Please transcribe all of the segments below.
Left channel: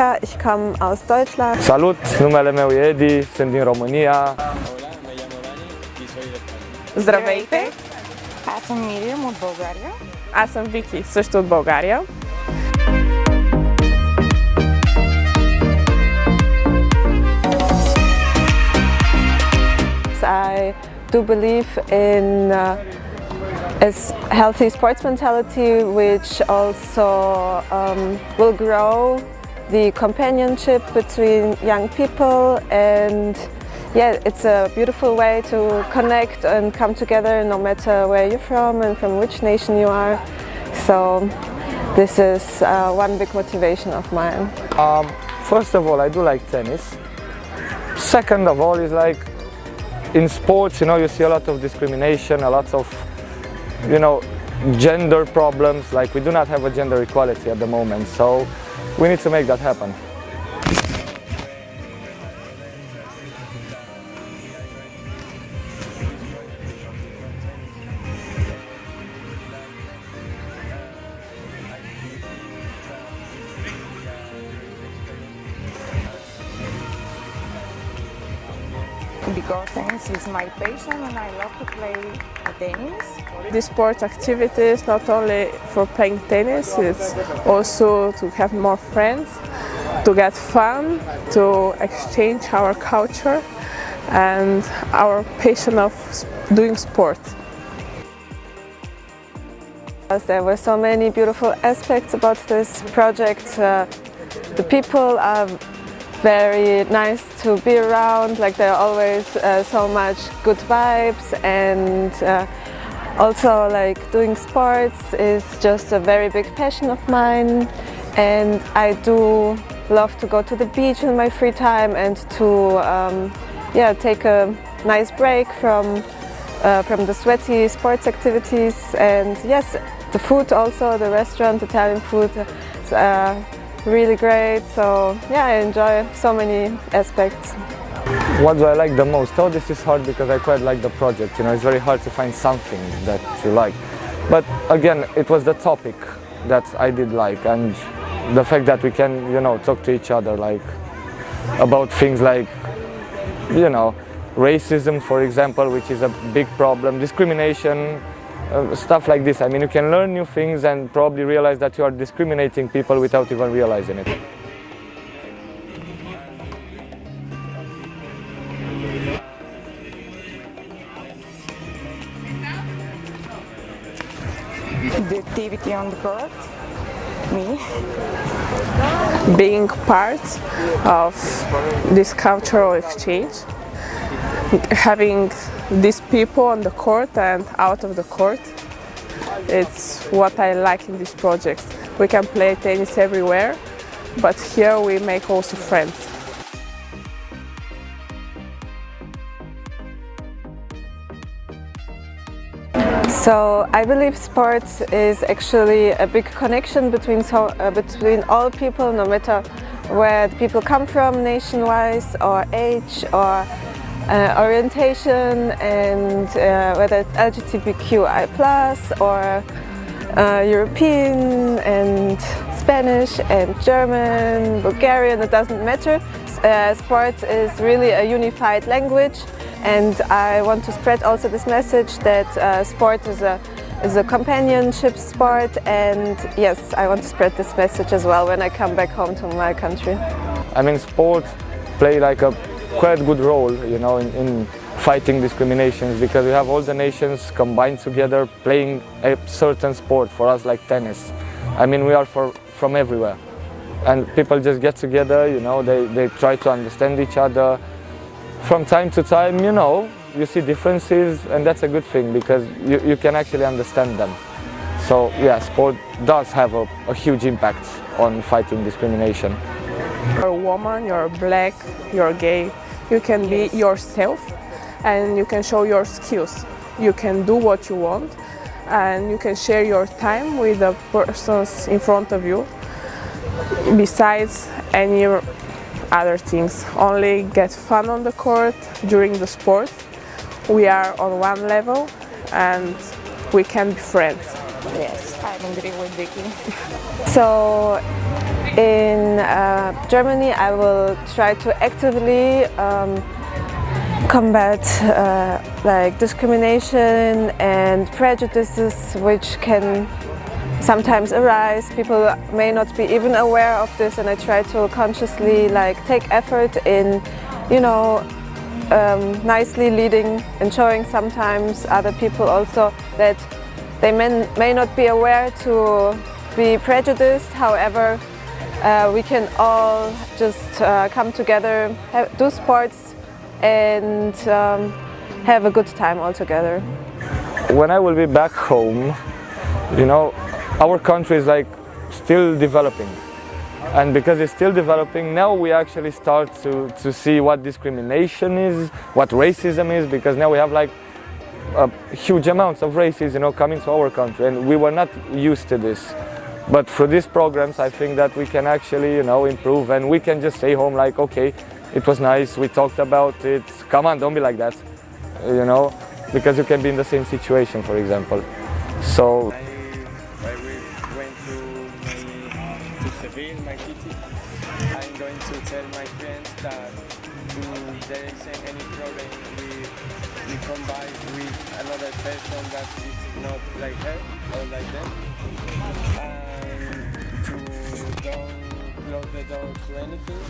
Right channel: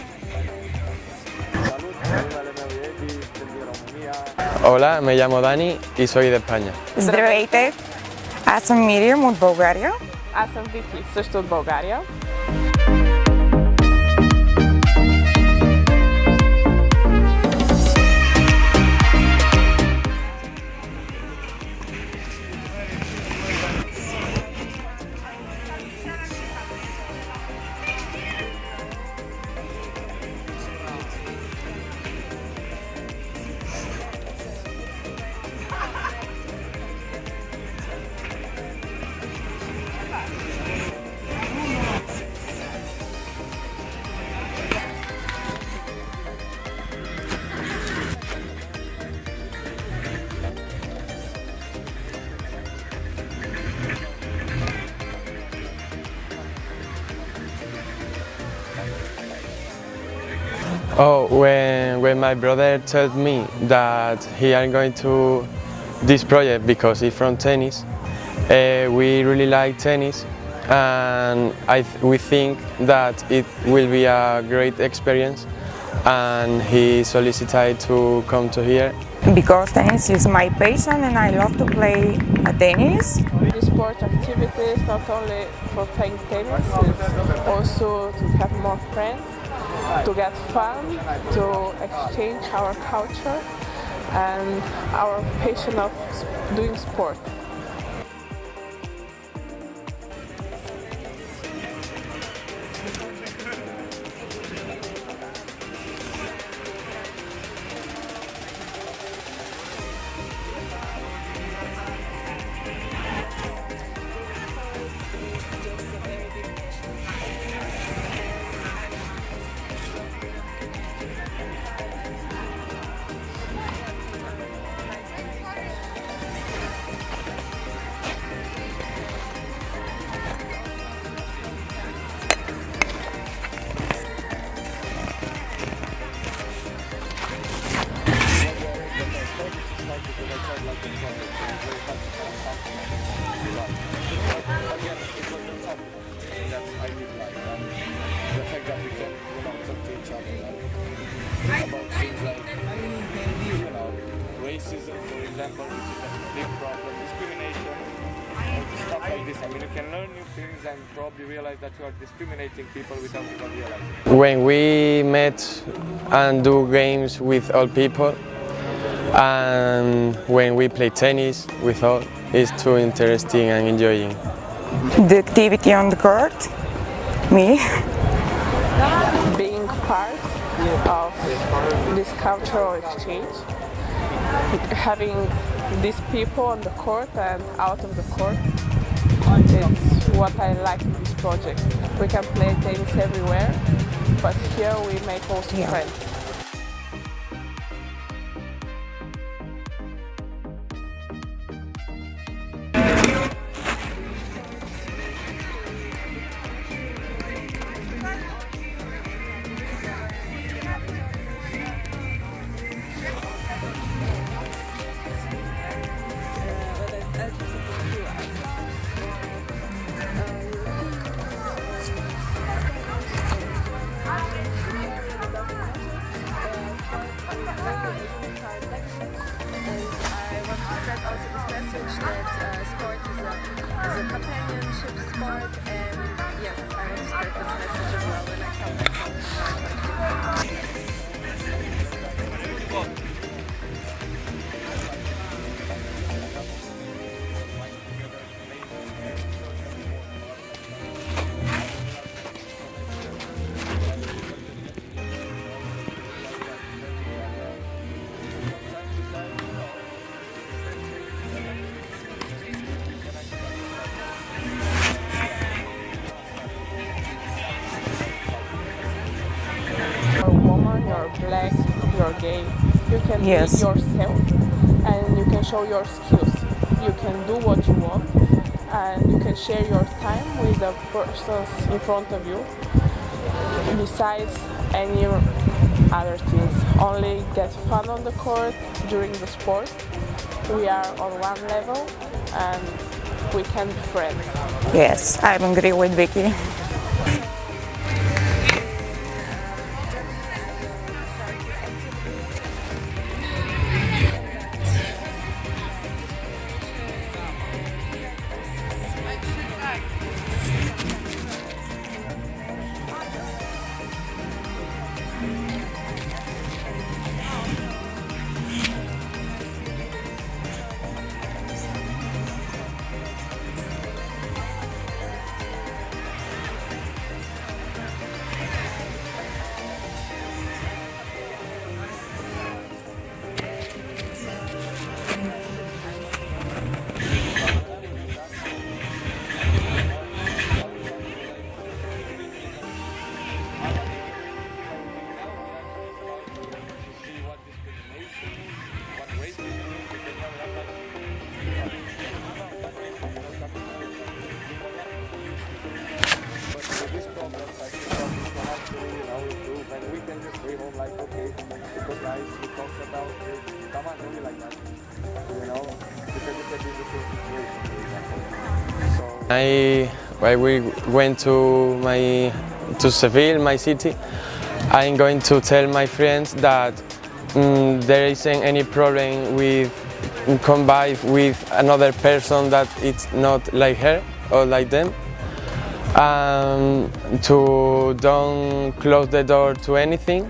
Monica, ich komme aus Deutschland. Salut, numele meu e Edi, sunt din România. Hola, me llamo Dani y soy de España. Здравейте! Аз съм Мириам от България. Аз съм Вики, също от България. I do believe in a healthy sports mentality, which also will grow the companionship between young people, and yeah, it's a beautiful way to connect and come together no matter where you're from and from which nation you are. So this is one big motivation of mine. First of all, I do like tennis. Second of all is like in sports, you see a lot of discrimination, a lot of, gender problems. Like we do not have a gender equality at the moment, so we need to make that happen. Oh, when my brother told me that he are going to this project because he's from tennis, we really like tennis, and we think that it will be a great experience, and he solicited to come to here. Because tennis is my passion and I love to play tennis. The sport activity is not only for playing tennis, it's also to have more friends, to get fun, to exchange our culture and our passion of doing sport. There were so many beautiful aspects about this project. The people are very nice to be around, like there are always so much good vibes, and also like doing sports is just a very big passion of mine, and I do love to go to the beach in my free time and to take a nice break from the sweaty sports activities. And yes, the food also, the restaurant, Italian food, really great, so yeah, I enjoy so many aspects. What do I like the most? Oh, this is hard because I quite like the project. It's very hard to find something that you like. But again, it was the topic that I did like, and the fact that we can, talk to each other like about things like, racism, for example, which is a big problem, discrimination, stuff like this. I mean, you can learn new things and probably realize that you are discriminating people without even realizing it. When we met and do games with all people, and when we play tennis with all, it's too interesting and enjoying. The activity on the court, me. Being part of this cultural exchange, having these people on the court and out of the court, it's what I like in this project. We can play tennis everywhere, but here we make also friends. So I believe sports is actually a big connection between all people, no matter where people come from, nation-wise, or age, or orientation, and whether it's LGBTQI+, or European, and Spanish, and German, Bulgarian, it doesn't matter. Sport is really a unified language, and I want to spread also this message that sport is a companionship sport, and yes, I want to spread this message as well when I come back home to my country. I mean, sport play like a quite good role, in fighting discriminations, because we have all the nations combined together playing a certain sport. For us, like tennis, I mean, we are from everywhere, and people just get together, they try to understand each other. From time to time, you see differences, and that's a good thing because you can actually understand them. So yeah, sport does have a huge impact on fighting discrimination. You're a woman, you're black, you're gay, you can be yourself and you can show your skills. You can do what you want and you can share your time with the persons in front of you, besides any other things. Only get fun on the court during the sport. We are on one level and we can be friends. Yes, I agree with Vicky. So In Germany, I will try to actively combat like discrimination and prejudices which can sometimes arise. People may not be even aware of this, and I try to consciously like take effort in, you know, nicely leading and showing sometimes other people also that they may not be aware to be prejudiced. However, we can all just come together, do sports, and have a good time all together. When I will be back home, you know, our country is like still developing. And because it's still developing, now we actually start to see what discrimination is, what racism is, because now we have like huge amounts of racism, you know, coming to our country, and we were not used to this. But through these programs, I think that we can actually, you know, improve, and we can just stay home like, okay, it was nice, we talked about it, come on, don't be like that, you know, because you can be in the same situation, for example. So we went to Seville, my city, I'm going to tell my friends that there isn't any problem with combine with another person that it's not like her or like them. To don't close the door to anything,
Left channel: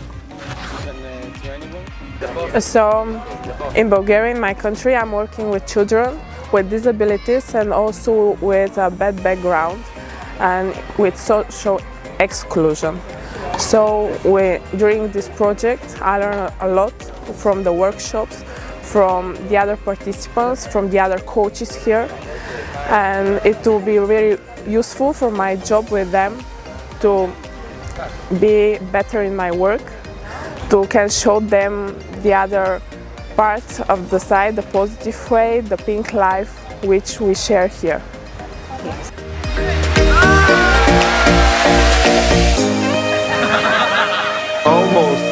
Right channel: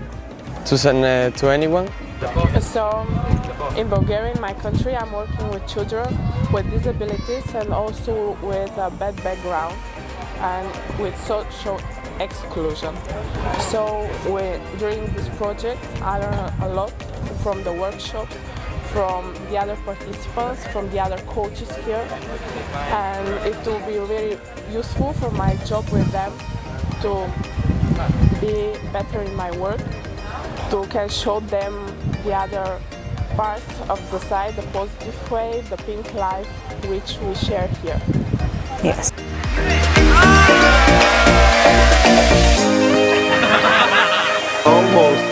to anyone. So in Bulgaria, in my country, I'm working with children with disabilities and also with a bad background and with social exclusion. So during this project, I learned a lot from the workshops, from the other participants, from the other coaches here, and it will be very useful for my job with them to be better in my work, to can show them the other parts of the side, the positive way, the pink life which we share here. Yes. Almost.